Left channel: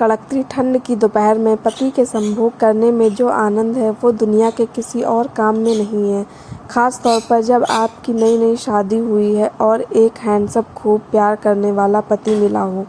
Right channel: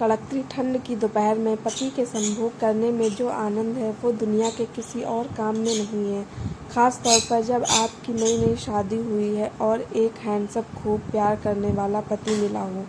कड़कती ठंड की दोपहर में पति के संभोग करने में जो आनंद है वो दुनिया के किसी और काम में नहीं है। ख़ास तौर पर जब आपकी नई नई शादी हुई है और एक हैंडसम खूब प्यार करने वाला पति मिला हो।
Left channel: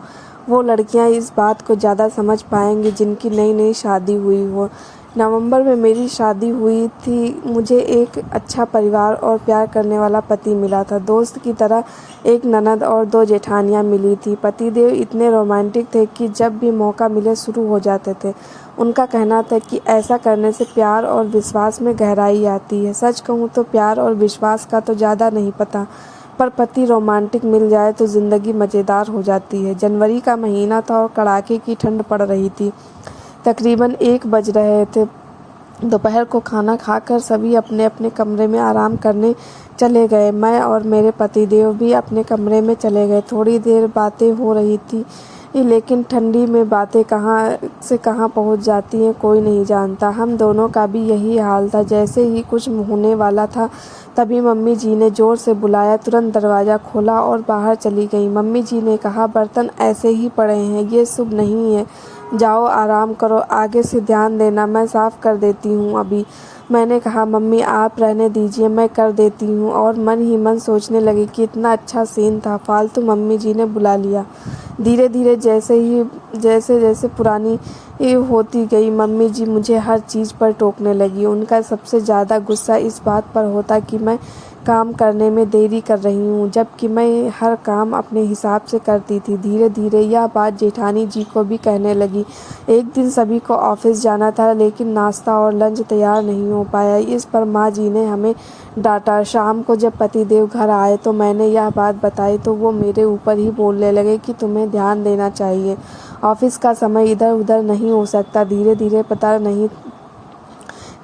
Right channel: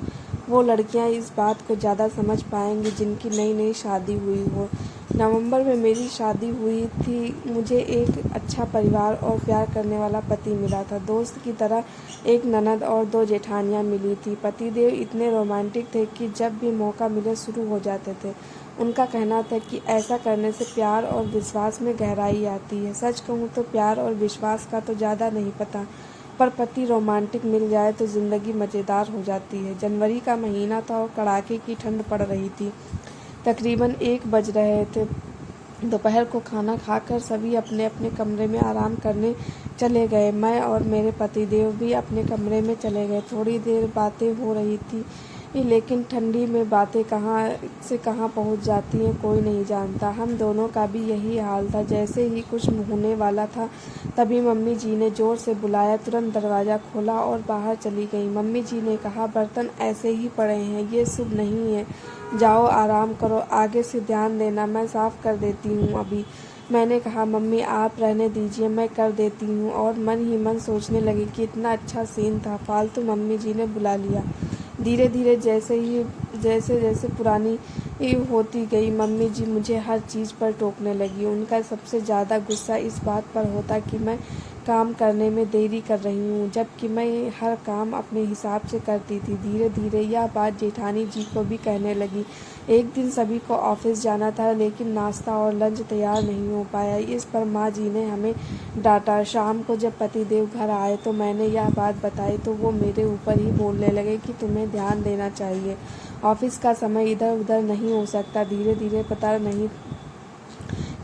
वो लड़कियां इस बात को ज़्यादा समझ पाएंगी जिनकी नई नई शादी हुई हो। नवंबर में मेरी शादी हुई थी। मुझे एक अच्छा परिवार और प्यार करने वाला पति मिला था। दोस्त की तरह एक ननद और 2 जेठानियां मिली थी। पतिदेव इतने रोमांटिक थे कि जब भी मौका मिले शुरू हो जाते थे। उनका कहना था कि ऐसा करने से प्यार और विश्वास में गहराई आती है। सच कहूँ तो प्यार और विश्वास का तो ज़्यादा नहीं पता, पर पति रोमांटिक मिल जाए तो ज़िंदगी मज़ेदार हो जाती है। जनवरी का महीना था और कड़ाके की ठंड पड़ रही थी। तकरीबन 1 बज रहे थे। दोपहर को खाना खाकर सभी अपने अपने कमरे में आराम करने चले गए। मैं और मेरे पतिदेव भी अपने कमरे में चले गए। थोड़ी देर बातें हो रही थी, लेकिन ठंडी में बातें कहाँ से कहाँ पहुँच जाती हैं कोई नहीं जानता। हम दोनों का भी यही हाल था। जैसे ही कुछ होने वाला था तभी मम्मी जी ने ज़ोर से बुलाया। तुरंत दरवाज़ा खोला और बाहर चली गई। मम्मी जी ने कहा, बर्तन ऐसे ही पड़े हैं, ये शुभ नहीं है, जाओ आराम करो, आगे से ध्यान देना, मैं साफ़ कर देती हूँ अभी। मैंने कहा, मम्मी आप रहने दीजिए, मैं कर देती हूँ, और मन ही मन सोचने लगी कि इतना अच्छा सीन था, फालतू मम्मी जी ने बुला लिया। धीरे धीरे जैसे जैसे पुरानी होती गई, मम्मी जी मुझे हर चीज़ पर टोकने लगी। उनका सबसे ज़्यादा गुस्सा इस बात पर होता कि मैं काम करने में देरी कर रही हूँ, जबकि मैं हर काम अपने हिसाब से करती थी। धीरे धीरे यह बात जेठानी जी को भी कहने लगी। एक दिन सभी को ऑफिस जाना था, लेकिन नाश्ता और लंच तैयार नहीं हो पाया। इस पर माँ जी ने हमें डांटा। शाम को जब पतिदेव घर आए तो मैंने यह बात बताई तो वो मेरे ऊपर ही बोलने लगे कि तुम्हें ध्यान देना चाहिए, ऑफिस का समय इधर उधर नहीं हो सकता। धीरे धीरे पता नहीं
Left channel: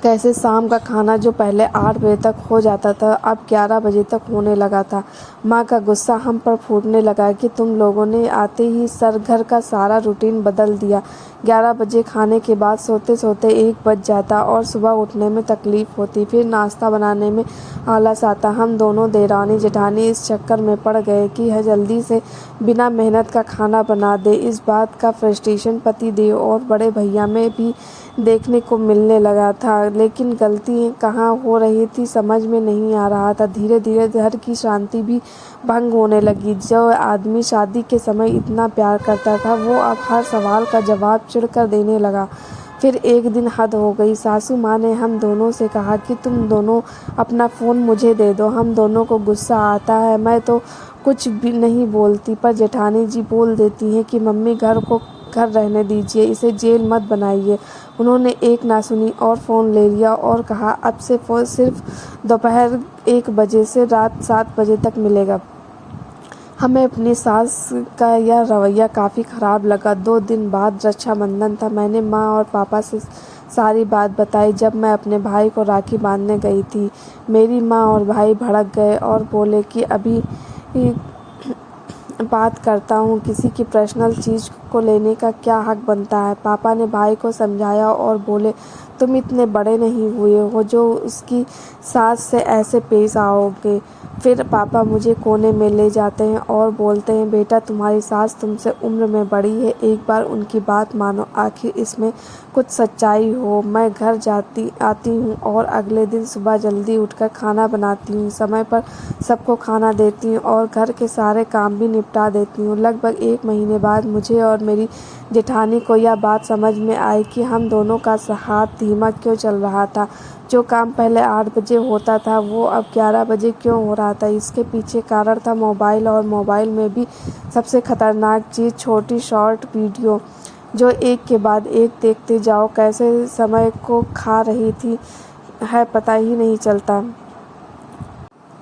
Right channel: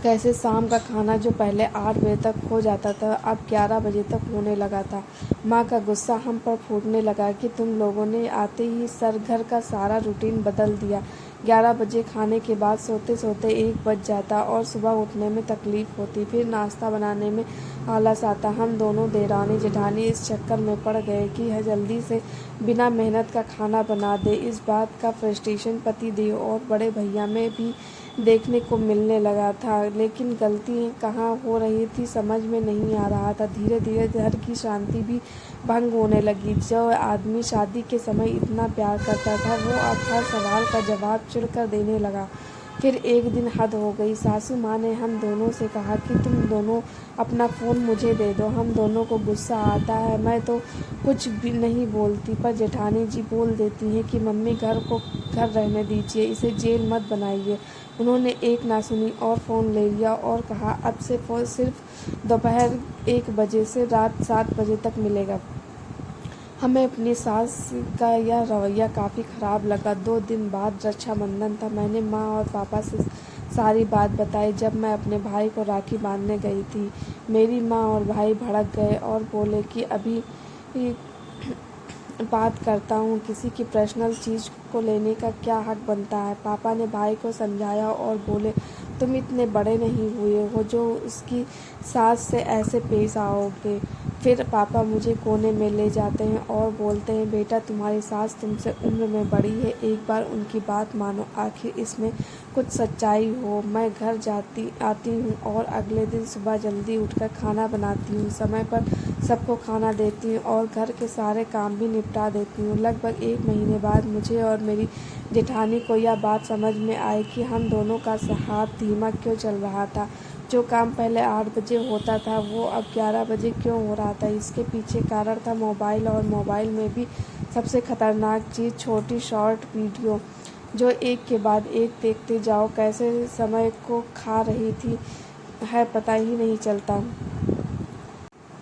कैसे शाम का खाना जो पहले 8 बजे तक हो जाता था अब 11 बजे तक होने लगा था। माँ का गुस्सा हम पर फूटने लगा कि तुम लोगों ने आते ही घर का सारा रूटीन बदल दिया। 11 बजे खाने के बाद सोते सोते 1 बज जाता और सुबह उठने में तकलीफ होती, फिर नाश्ता बनाने में आलस आता। हम दोनों देरानी जेठानी इस चक्कर में पड़ गए कि है जल्दी से बिना मेहनत का खाना बना दे। इस बात का फ्रस्ट्रेशन पति देव और बड़े भैया में भी देखने को मिलने लगा था, लेकिन गलती कहाँ हो रही थी समझ में नहीं आ रहा था। धीरे धीरे घर की शांति भी भंग होने लगी। जो आदमी शादी के समय इतना प्यार करता था वो अब हर सवाल का जवाब चिढ़कर देने लगा। फिर एक दिन हद हो गई। सासू माँ ने हम दोनों से कहा कि तुम दोनों अपना फ़ोन मुझे दे दो। हम दोनों को गुस्सा आता है, मैं तो कुछ भी नहीं बोलती, पर जेठानी जी बोल देती हैं कि मम्मी घर रहने दीजिए, इसे जेल मत बनाइए। उन्होंने एक ना सुनी और फ़ोन ले लिया और कहा, अब से फ़ोन सिर्फ दोपहर 1 बजे से रात 7 बजे तक मिलेगा। हमें अपनी सास का यह रवैया काफ़ी ख़राब लगा। 2 दिन बाद रक्षाबंधन था। मैंने माँ और पापा से सारी बात बताई। जब मैं अपने भाई को राखी बांधने गई थी, मेरी माँ और भाई भड़क गए और बोले कि अभी बात करता हूँ, किसी की पर्सनल चीज़ को लेने का क्या हक बनता है। पापा ने भाई को समझाया और बोले, तुम इतने बड़े नहीं हुए हो जो उसकी सास से ऐसे पेश आओगे। फिर पापा मुझे कोने में ले जाते हैं और बोलते हैं, बेटा तुम्हारी सास तुमसे उम्र में बड़ी है, एक बार उनकी बात मानो, आखिर इसमें कुछ सच्चाई हो। मैं घर आती हूँ और अगले दिन सुबह जल्दी उठकर खाना बनाती हूँ, समय पर सबको खाना देती हूँ और घर के सारे काम भी निपटा देती हूँ। लगभग 1 महीने बाद मुझे और मेरी जेठानी को यह बात समझ में आई कि हम दोनों का हाथ धीमा क्यों चल रहा था। जो काम पहले 8 बजे होता था वो अब 11 बजे क्यों हो रहा था। इसके पीछे कारण था मोबाइल, और मोबाइल में भी सबसे खतरनाक चीज़ छोटी शॉर्ट वीडियो जो एक के बाद एक देखते जाओ, कैसे समय को खा रही थी है पता ही नहीं चलता।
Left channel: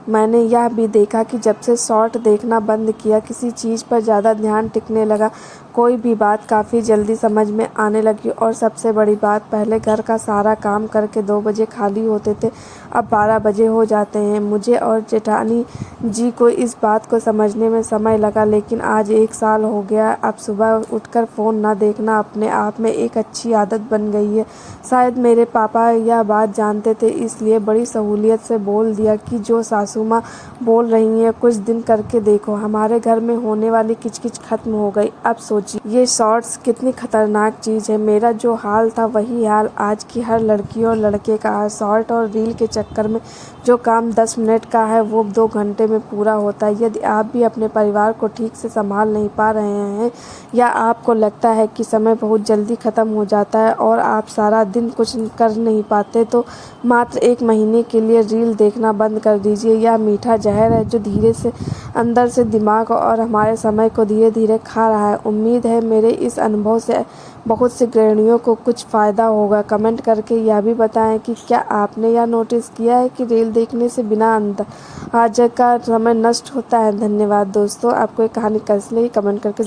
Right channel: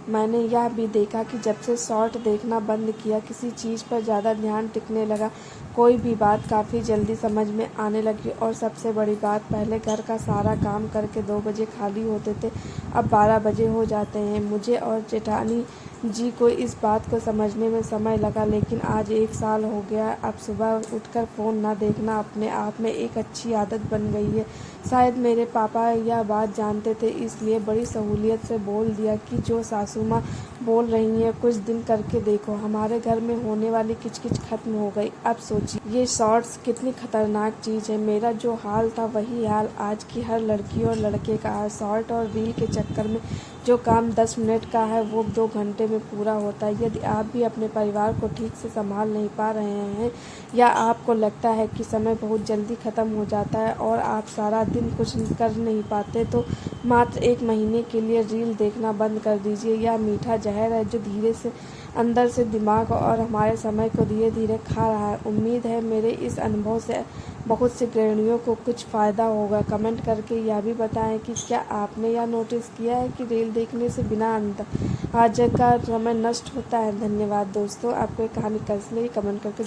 मैंने यह भी देखा कि जब से शॉर्ट देखना बंद किया, किसी चीज़ पर ज़्यादा ध्यान टिकने लगा, कोई भी बात काफ़ी जल्दी समझ में आने लगी। और सबसे बड़ी बात, पहले घर का सारा काम करके 2 बजे खाली होते थे, अब 12 बजे हो जाते हैं। मुझे और जेठानी जी को इस बात को समझने में समय लगा, लेकिन आज 1 साल हो गया। अब सुबह उठकर फ़ोन न देखना अपने आप में एक अच्छी आदत बन गई है। शायद मेरे पापा यह बात जानते थे, इसलिए बड़ी सहूलियत से बोल दिया कि जो सासू माँ बोल रही हैं कुछ दिन करके देखो। हमारे घर में होने वाली किचकिच खत्म हो गई। अब सोचिए ये शॉर्ट्स कितनी खतरनाक चीज़ है। मेरा जो हाल था वही हाल आज की हर लड़की और लड़के का है। शॉर्ट और रील के चक्कर में जो काम 10 मिनट का है वो 2 घंटे में पूरा होता है। यदि आप भी अपने परिवार को ठीक से संभाल नहीं पा रहे हैं या आपको लगता है कि समय बहुत जल्दी ख़त्म हो जाता है और आप सारा दिन कुछ कर नहीं पाते, तो मात्र 1 महीने के लिए रील देखना बंद कर दीजिए। यह मीठा जहर है जो धीरे से अंदर से दिमाग और हमारे समय को धीरे धीरे खा रहा है। उम्मीद है मेरे इस अनुभव से बहुत से गृहिणियों को कुछ फ़ायदा होगा। कमेंट करके यह भी बताएं कि क्या आपने यह नोटिस किया है कि रील देखने से बिना अंदाज़े का समय नष्ट होता है। धन्यवाद दोस्तों। आपको ये कहानी कैसी लगी कमेंट करके